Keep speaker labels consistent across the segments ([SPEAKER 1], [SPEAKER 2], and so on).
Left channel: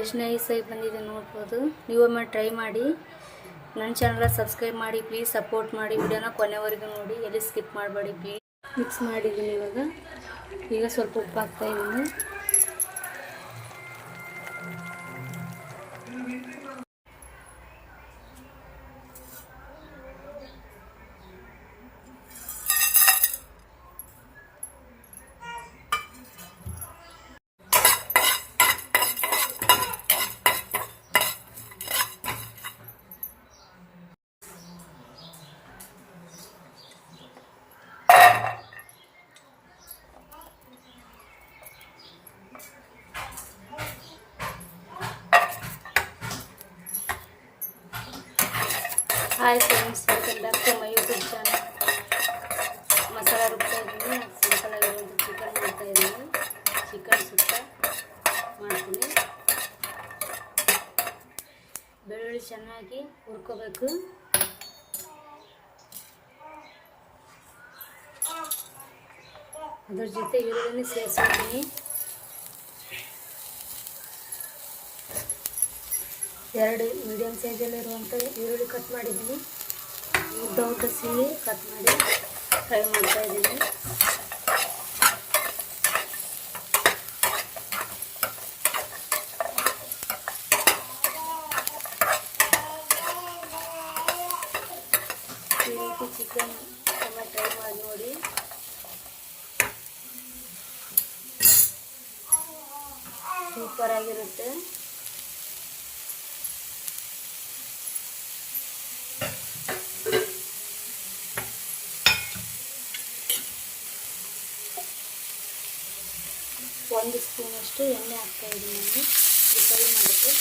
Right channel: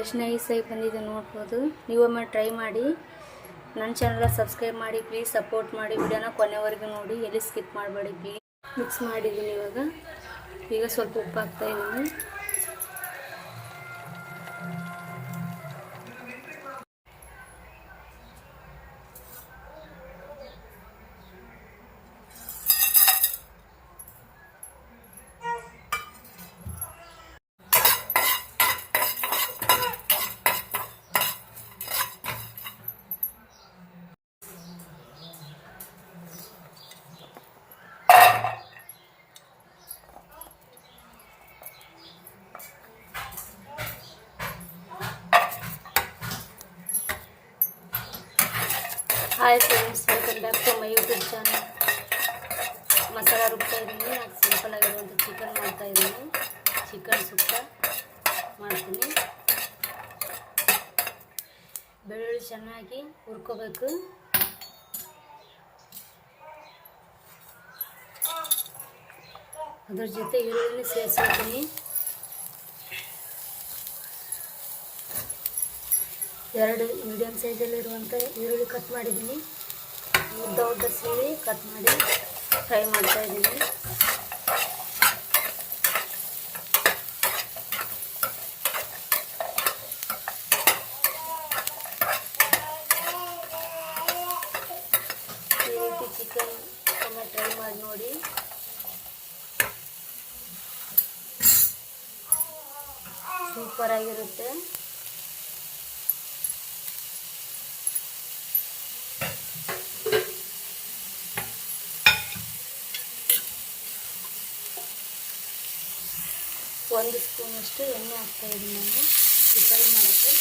[SPEAKER 1] ಎಷ್ಟು ನೈಸಾಗಿ ಬಂದಿದೆ ನೋಡ್ಬೋದು. ನೀವೊಮ್ಮೆ ಟ್ರೈ ಮಾಡಿ. ನನ್ನ ಚಾನಲ್ ಸಬ್ಸ್ಕ್ರೈಬ್ ಮಾಡಿ ಪ್ಲೀಸ್ ಸಪೋರ್ಟ್ ಮಾಡಿ. ವಿಡಿಯೋನ ಕೊನೆವರೆಗೂ ನೋಡಿ. ಎಲ್ಲಿ ಸ್ಕಿಪ್ ಮಾಡಬೇಡಿ ಪ್ಲೀಸ್ ಮಿಕ್ಸ್ ಮಾಡಿದ್ದೀನಿ ಇವಾಗ. ಈಗ ಸ್ವಲ್ಪ ಉಪ್ಪು ಹಾಕ್ತಾ ಇದ್ದೀನಿ hi friends welcome back to my YouTube channel masala ರುಬ್ತಾ ಇದ್ದೀನಿ ಸಿಂಪಲ್ ಆಗಿರುವಂಥ ಚಿಕನ್ ಮಾಡ್ತಾ ಇದ್ದೀನಿ. ಚಿಕನ್ ಸುಕ್ಕ ಮಾಡ್ತೀನಿ. ಬೆಳ್ಳುಳ್ಳಿ ಚೆನ್ನಾಗಿ ಹುರ್ಕೋಬೇಕು. ಅದ್ರ ಜೊತೆ ಈರುಳ್ಳಿ ಸೇರಿಸ್ತೀನಿ ಎರಡು ಮೀಡಿಯಮ್ ಸೈಜಲ್ಲಿರುವಂಥ ಈರುಳ್ಳಿ ಕಟ್ ಮಾಡಿದ್ದೀನಿ. ಉದ್ದ ಉದ್ದ ಸಿಹಿ ಕಟ್ ಮಾಡಿ ಫ್ರೈ ಮಾಡ್ತಾ ಇದ್ದೀನಿ. ಈ ರೀತಿ ಚಿಕನ್ ಒಮ್ಮೆ ಟ್ರೈ ಮಾಡಿ ನೋಡಿ. ಸೂಪರ್ ಒಂದು ಸ್ಪೂನಷ್ಟು ಎಣ್ಣೆ ಹಾಕ್ತಾ ಇದ್ದೀನಿ ನಾನು ಇದು ಫ್ರೈ ಮಾಡೋಕ್ಕೆ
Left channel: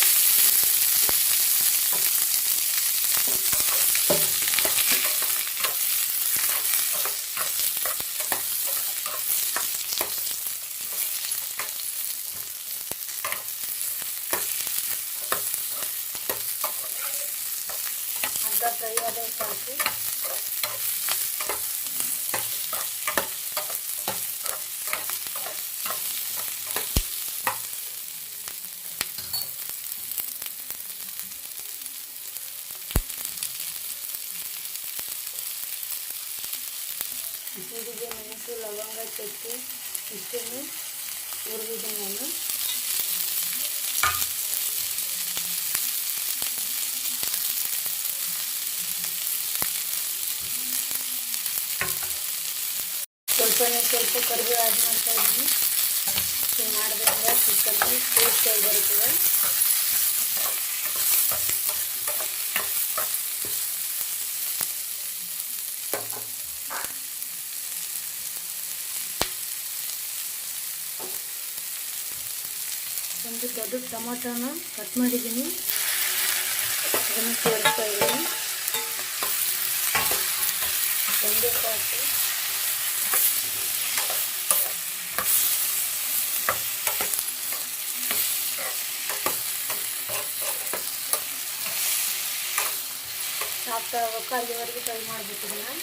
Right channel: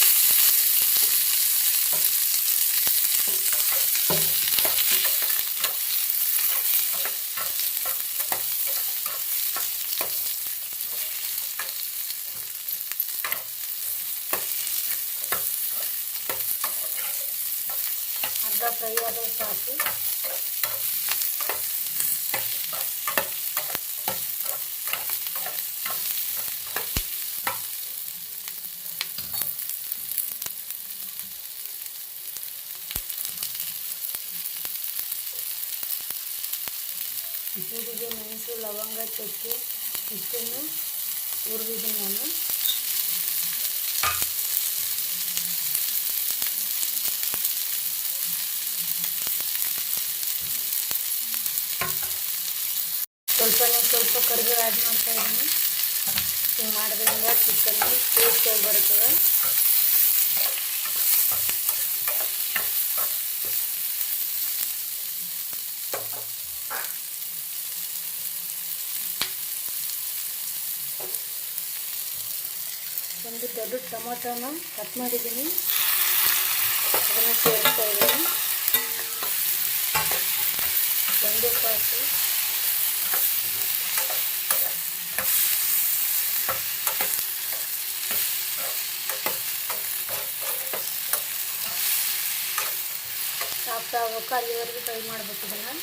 [SPEAKER 1] ಅರ್ಧ ಫ್ರೈ ಆದ್ರೆ ಸಾಕು ಲವಂಗ ಚಕ್ಕೆ ಇಷ್ಟನ್ನು ಹುರಿದಿದ್ದೀನಿ ನಾನು ಸ್ವಲ್ಪನೇ ಸ್ವಲ್ಪ ಕರಿಬೇವು ಆ್ಯಡ್ ಮಾಡ್ತಾ ಇದ್ದೀನಿ ಹಿಂಗೆ ಮಾಡೋದ್ರಿಂದ ಚಿಕನ್ನು ಟೇಸ್ಟಿಯಾಗಿ ಬರುತ್ತದೆ ಒಂದು ದೊಡ್ಡ ಟೊಮೊಟೊನ ಕಟ್ ಮಾಡಿದ್ದೀನಿ ಅದನ್ನು ಸೇರಿಸ್ತಾ ಇದ್ದೀನಿ ಒಂದು ಸಾಕು ಸಾಫ್ಟ್ ಆಗಬೇಕು ಅಲ್ಲಿವರೆಗೂ ಫ್ರೈ ಮಾಡಬೇಕು ಇದನ್ನು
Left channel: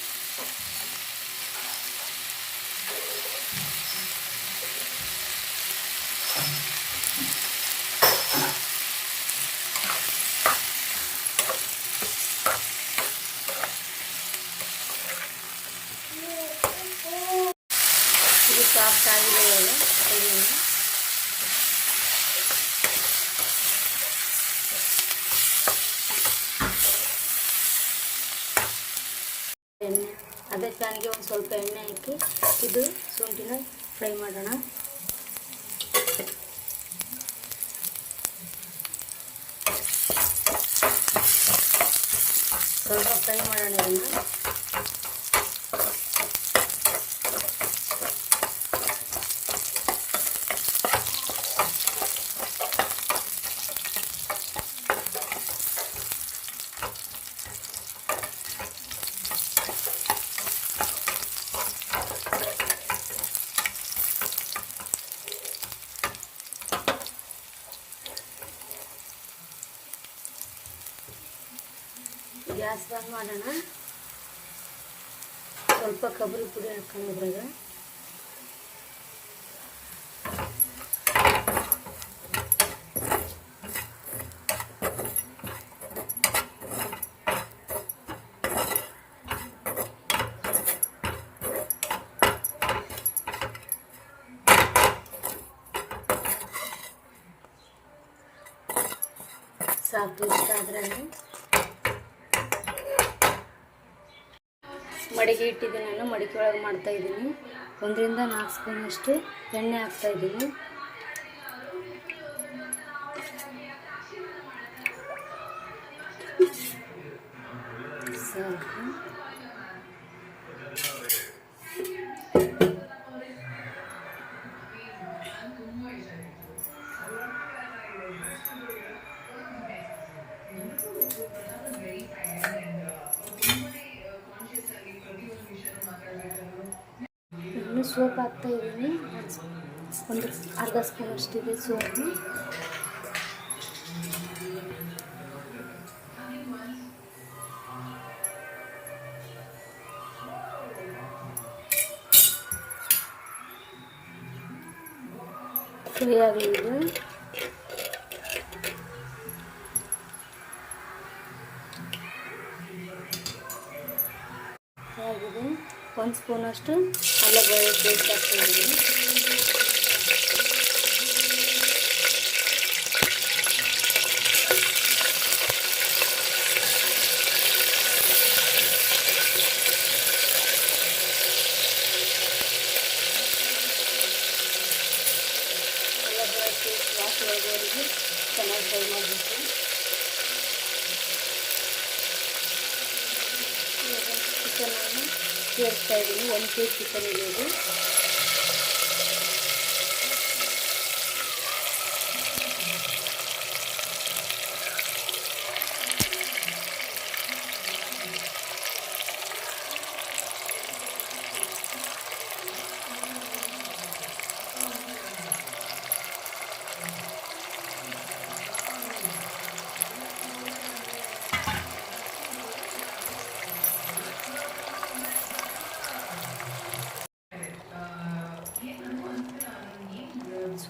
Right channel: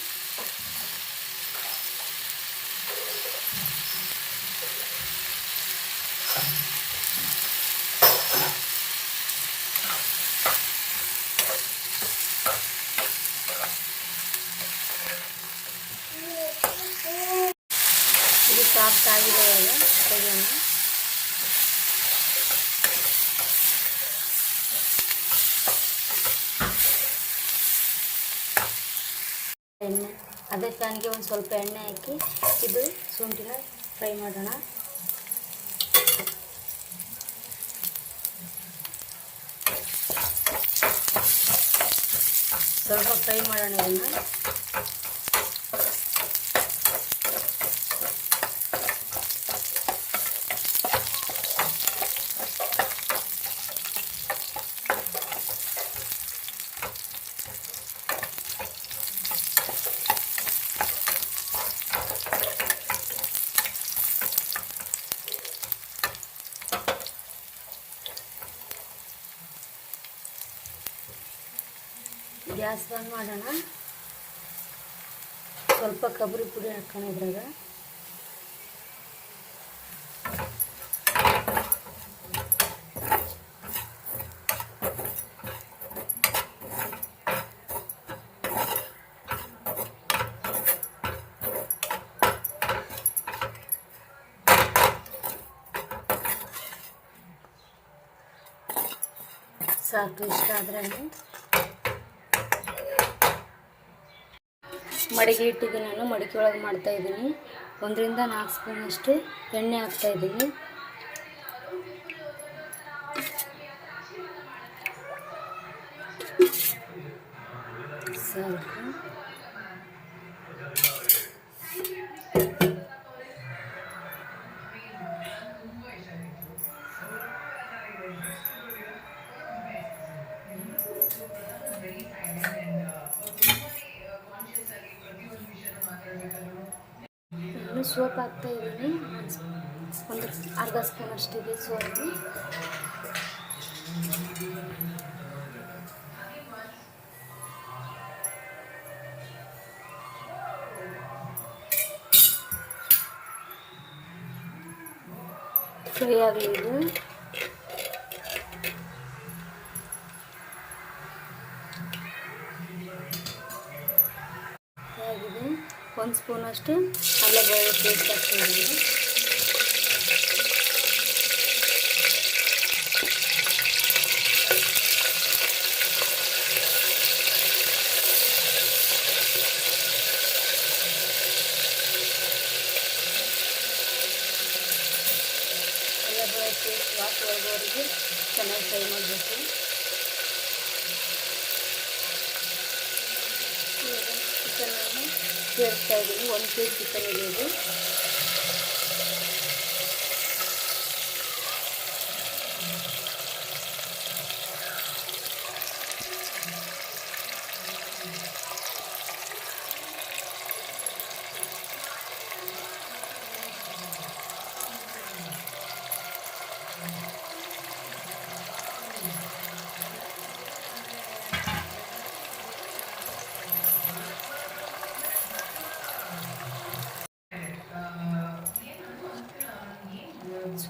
[SPEAKER 1] ಇದು ಸಾಫ್ಟ್ ಆಗಿದೆ ಇವಾಗ ತೆಗೆಯೋಣ ಎಣ್ಣೆ ಅದೇ ಪ್ಯಾನ್ಗೆ ಒಂದು ಸ್ವಲ್ಪ ಎಣ್ಣೆ ಹಾಕಿ ಇದು ಶುಂಠಿನ ಫ್ರೈ ಮಾಡೋಣ ಸ್ವಲ್ಪ ಫ್ರೈ ಮಾಡೋಣ ಇದನ್ನು ಗ್ಯಾಸ್ ಬಂದ್ ಮಾಡೋಣ. ಸ್ವಲ್ಪ ಕೊಬ್ಬರಿ ಪುಡಿ ಹಾಕೋಣ ಇದ್ರಾಗ. ಸಾಕು ಇಷ್ಟ ಆದ್ರೆ ಮಡಿಗೆ ಇಟ್ಟಿದ್ದೀನಿ ನಾನು ಮಡಿಕೆ ಒಳಗೆ ಮಾಡ್ತಾ ಇದ್ದೀನಿ. ಒಂದರಿಂದ ನಾಲ್ಕು ಸ್ಪೂನಷ್ಟು ಎಣ್ಣೆ ಹಾಕ್ತಾ ಇದ್ದೀನಿ. ಸಾಕು. ನಾನು ಸೋಪ್ ಹಾಕ್ತಾ ಇದ್ದೀನಿ. ಒಂದು ಅರ್ಧ ಸ್ಪೂನ್ ಅಷ್ಟಿದೆ ಸೋಪು. ಫ್ರೈ ಆಗಲಿ ಒಂದು ಸ್ಪೂನಷ್ಟು ಅಲ್ಲ ಬೆಳ್ಳುಳ್ಳಿ ಪೇಸ್ಟ್ ಹಾಕ್ತೀನಿ ಅಲ್ಲ ಬೆಳ್ಳುಳ್ಳಿ ಪೇಸ್ಟ್ ವಾಸವರೆಗೂ ಚೆನ್ನಾಗಿ ಫ್ರೈ ಮಾಡಬೇಕು ಇವಾಗ ಚಿಕನನ್ನು ಸೇರಿಸ್ತಾ ಇದ್ದೀನಿ. ಒಂದು ಕೆ ಜಿ ಚಿಕನ್ ಇದೆ.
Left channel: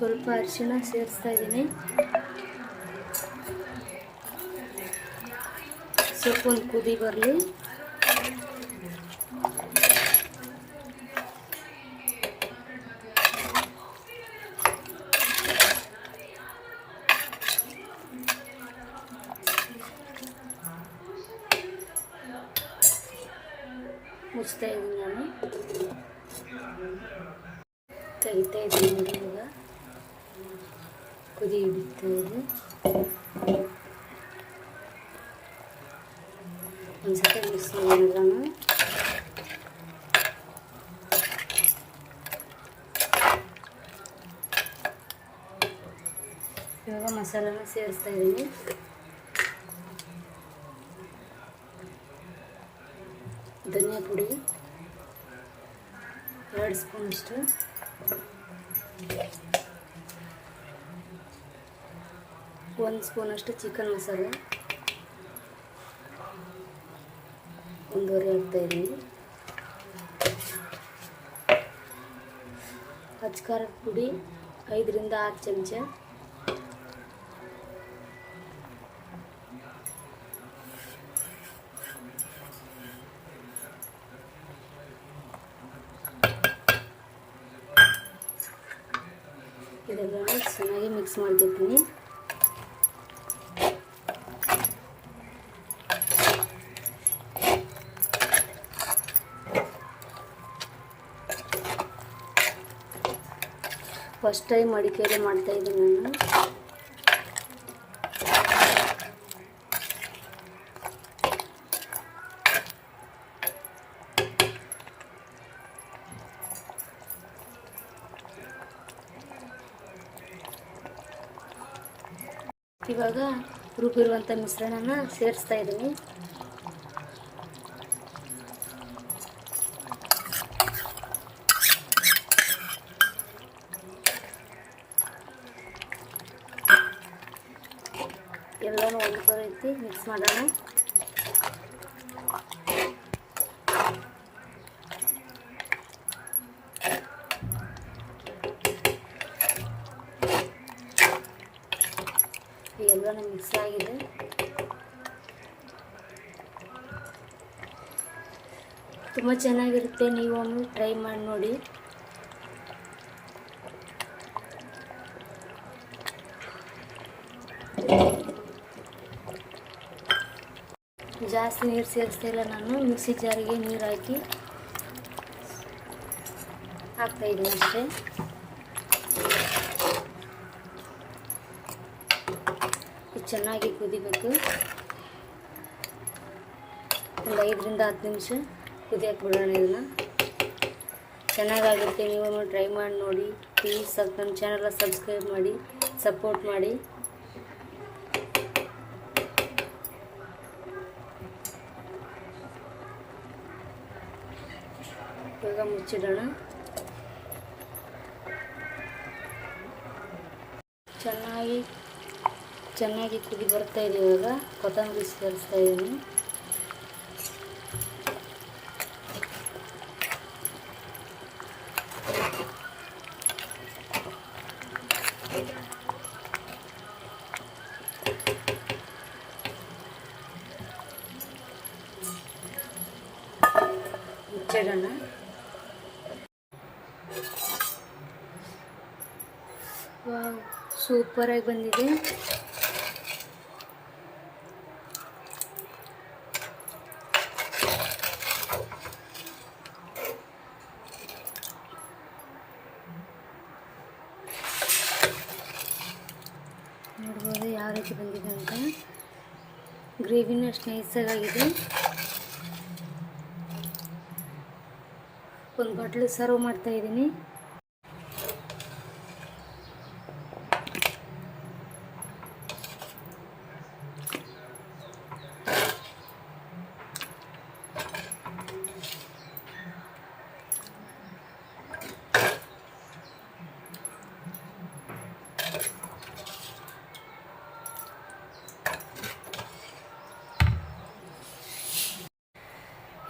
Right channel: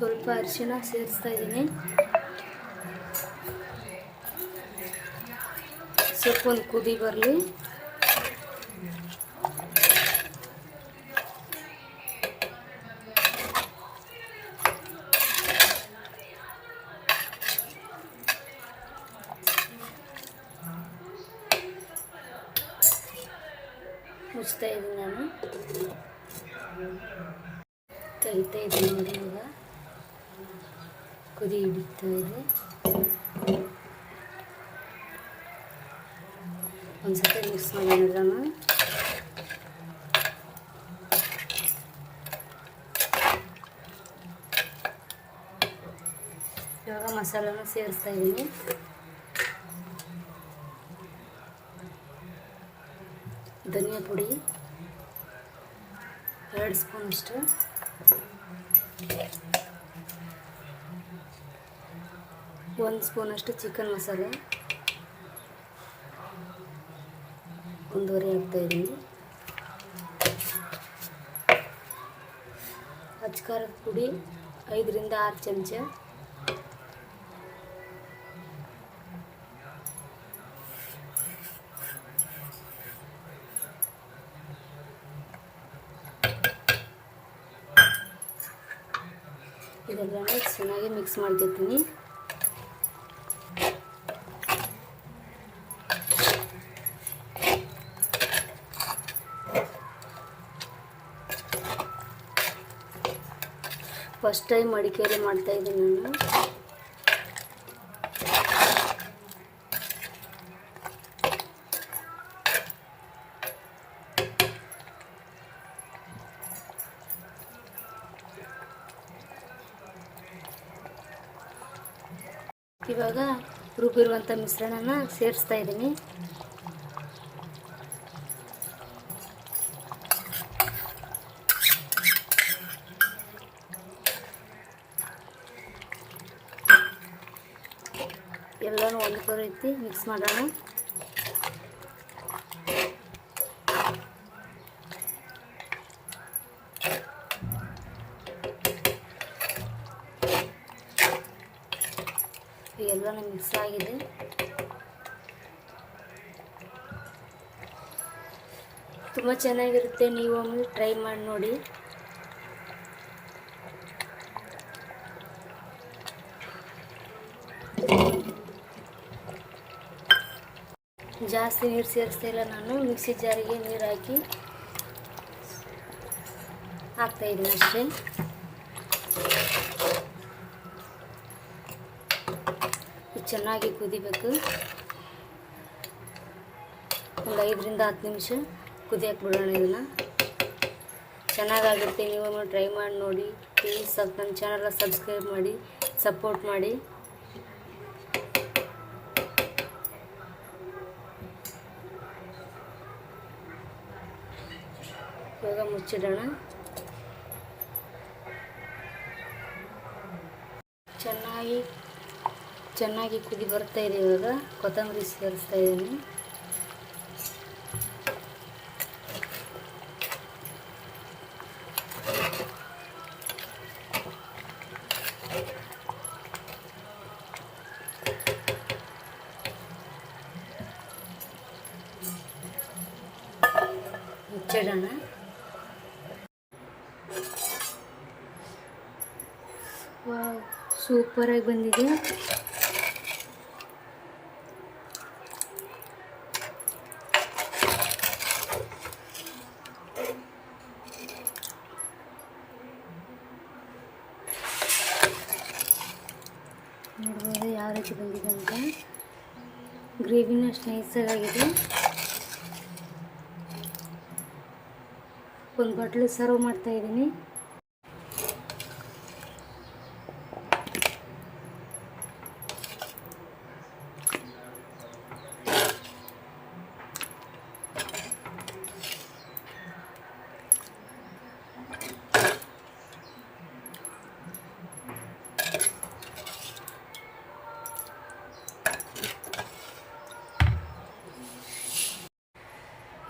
[SPEAKER 1] ಸ್ವಲ್ಪ ಅರಿಶಿಣ ಸೇರಿಸ್ತಾ ಇದ್ದೀನಿ ಸ್ವಲ್ಪ ಒಂದು ಕುದಿ ಬರಲಿ. ಮುಚ್ತಾ ಇದ್ದೀನಿ ನಾನು. ತೆಗಿತಾ ಇದ್ದೀನಿ ನೋಡಿ ಇವಾಗ. ಕುದಿ ಹಿಡಿತಾ ಇದೆ ಒಂದ್ಸತಿ ಮಿಕ್ಸ್ ಮಾಡೋಣ ಇವಾಗ ಮಸಾಲಾನ ಸೇರಿಸ್ತಾ ಇದ್ದೀನಿ ಧನಿಯಾ ಪುಡಿ ಎರಡು ಸ್ಪೂನ್ ಒಂದು ಸ್ಪೂನಷ್ಟು ಚಿಕನ್ ಮಸಾಲೆ. ಒಂದೂವರೆ ಹಾಕ್ತಾ ಇದ್ದೀನಿ. ಅಚ್ಕಾರದ ಪುಡಿ, ಐದರಿಂದ ಆರು ಚಮಚ. ಇದೆಲ್ಲ ಚೆನ್ನಾಗಿ ಮಿಕ್ಸ್ ಮಾಡ್ಕೊತೀನಿ ಫಸ್ಟ್ ಟೈಮ್ ಅಡಿಕೆಯಲ್ಲಿ ಮಾಡ್ತಾ ಇದ್ದೀನಿ ನಾನು. ಇವಾಗ ರುಬ್ಬಿರುವಂಥ ಮಿಶ್ರಣನ ಸೇರಿಸ್ತಾ ಇದ್ದೀನಿ ಎಲ್ಲನೂ ಒಂದು ರೀತಿ ಮಿಕ್ಸ್ ಮಾಡೋಣ. ಎಲ್ಲ ಮಿಕ್ಸ್ ಆಗಿದೆ. ತುಂಬ ಚೆನ್ನಾಗಿರುತ್ತೆ. ನೀವು ಒಮ್ಮೆ ಟ್ರೈ ಮಾಡಿ ನೋಡಿ. ಜಾಸ್ತಿ ನೀರು ಸೇರಿಸ್ತಾ ಇಲ್ಲ ನಾನು. ಮಿಕ್ಸಿ ಜಾರಿಗೆ ನೀರು ಹಾಕಿ ಹಾಕ್ತಾಯಿದ್ದೀನಿ ಅಷ್ಟೇ. ಚೆನ್ನಾಗಿ ಕುದಿಬೇಕು. ಒಂದು ಐದರಿಂದ ಹತ್ತು ನಿಮಿಷ ಕುದಿಯಕ್ಕೆ ಬಿಡೋಣ ಇದನ್ನು. ಚೆನ್ನಾಗಾಗುತ್ತೆ. ನೀವು ಟ್ರೈ ಮಾಡಿ ನೋಡಿ. ಪ್ಲೀಸ್ ನನ್ನ ಚಾನಲ್ನ ಸಬ್ಸ್ಕ್ರೈಬ್ ಮಾಡಿ, ಸಪೋರ್ಟ್ ಮಾಡಿ. ಇವಾಗ ಮುಚ್ಚಿಡೋಣ. ಚೆನ್ನಾಗಿ ಚೆನ್ನಾಗಿ ಕುದಿ ಬರ್ತಾ ಇದೆ ಇವಾಗ. ಕೊತ್ತಂಬರಿ ಸೇರಿಸ್ತಾ ಇದ್ದೀನಿ. ವಾವ್ ಸೂಪರಾಗಿ ಬಂದಿದೆ. ನೋಡ್ಬೋದು ಯಾವ ರೀತಿ ಬಂದಿದೆ ಅಂತ. ಗ್ರೇವಿನೂ ಅಷ್ಟು ನೈಸಾಗಿದೆ ಒಂದು ಬಟ್ಲು ಸರ್ವ್ ಮಾಡ್ತಾ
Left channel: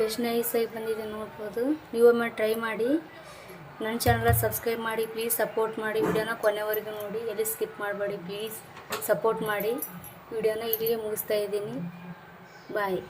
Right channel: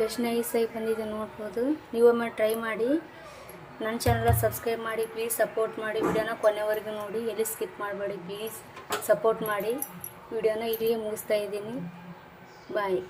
[SPEAKER 1] ಎಷ್ಟು ನೈಸಾಗಿ ಬಂದಿದೆ ನೋಡ್ಬೋದು. ನೀವೊಮ್ಮೆ ಟ್ರೈ ಮಾಡಿ. ನನ್ನ ಚಾನಲ್ನ ಸಬ್ಸ್ಕ್ರೈಬ್ ಮಾಡಿ ಪ್ಲೀಸ್ ಸಪೋರ್ಟ್ ಮಾಡಿ. ವಿಡಿಯೋನ ಕೊನೆವರೆಗೂ ನೋಡಿ. ಎಲ್ಲಿ ಸ್ಕಿಪ್ ಮಾಡಬೇಡಿ ಪ್ಲೀಸ್ ಸಪೋರ್ಟ್ ಮಾಡಿ. ವಿಡಿಯೋನ ಇಲ್ಲಿಗೆ ಮುಗಿಸ್ತಾ ಇದ್ದೀನಿ. ಬಾಯ್